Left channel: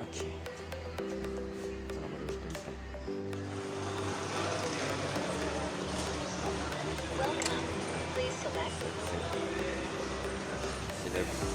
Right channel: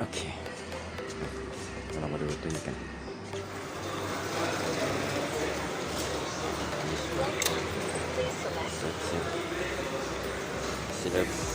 Okey. Kalau mau dulu ikan. Select.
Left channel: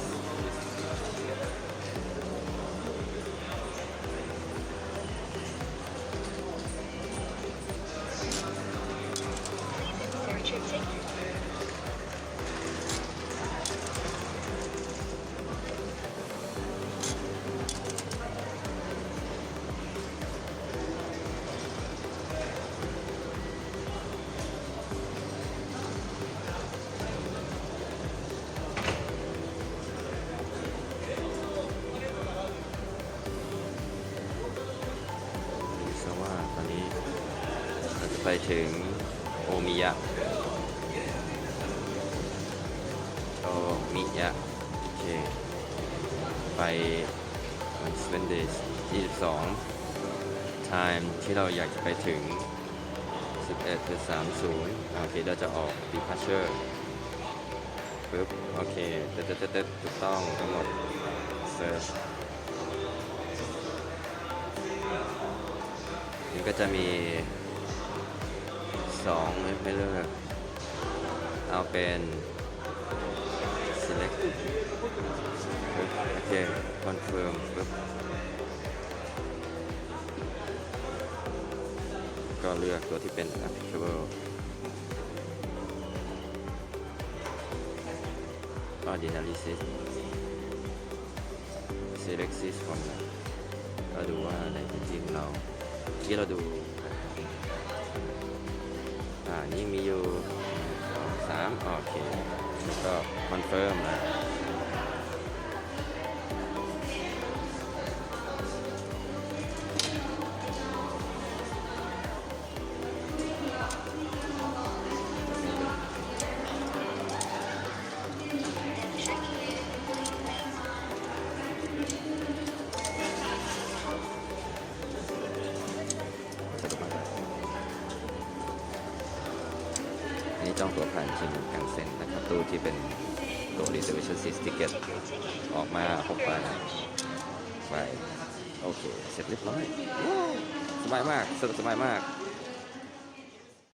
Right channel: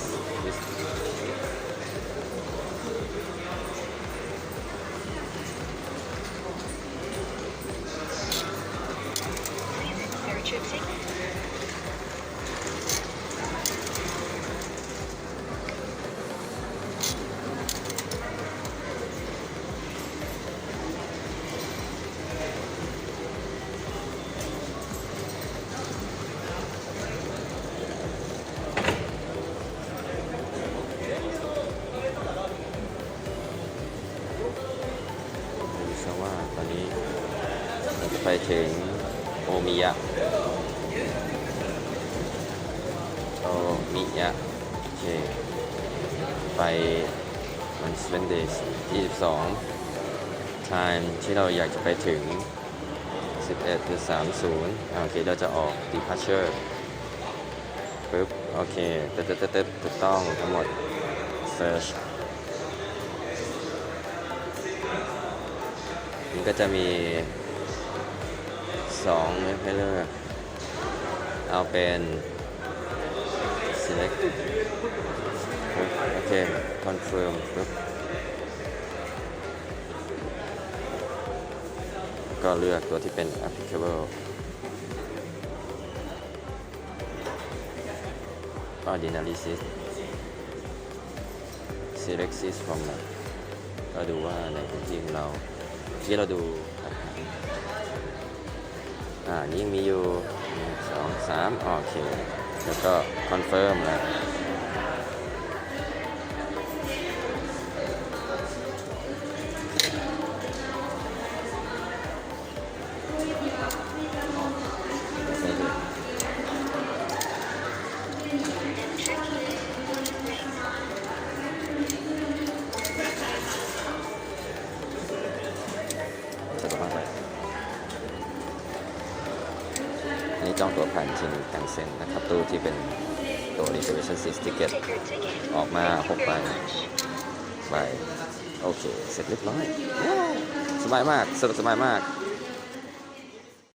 ไปถึงโอมิยะโอมิยะโอเคไปวันสเวนเดย์22 time ที่เราอยากจะไปถึง 11.30โอเคเราจะออก departure ปึ๊บ โอเคเตึ๊ดตึ๊ดตึ๊ดตึ๊ดถูกต้องทั้งหมด search มันก็จะมี สองไม่เป็นไรเอาเป็น select โอเค confirm ครับก็เลือกตัวที่เป็น applicable ก็ analysis select sys from ก็ดูว่าในพื้นที่ของเราที่เราดู อ่านี่มีอยู่สองสามโอเค แล้วก็คอนเฟิร์มนะ จองตัวผ่านชิงกังเซ็นนะครับตู้ที่เป็นตัว reservation seat ticket Take your ticket. ออกมา6ใบไปโอเค เสร็จเรียบร้อย สบายมากสะดวกสบายมาก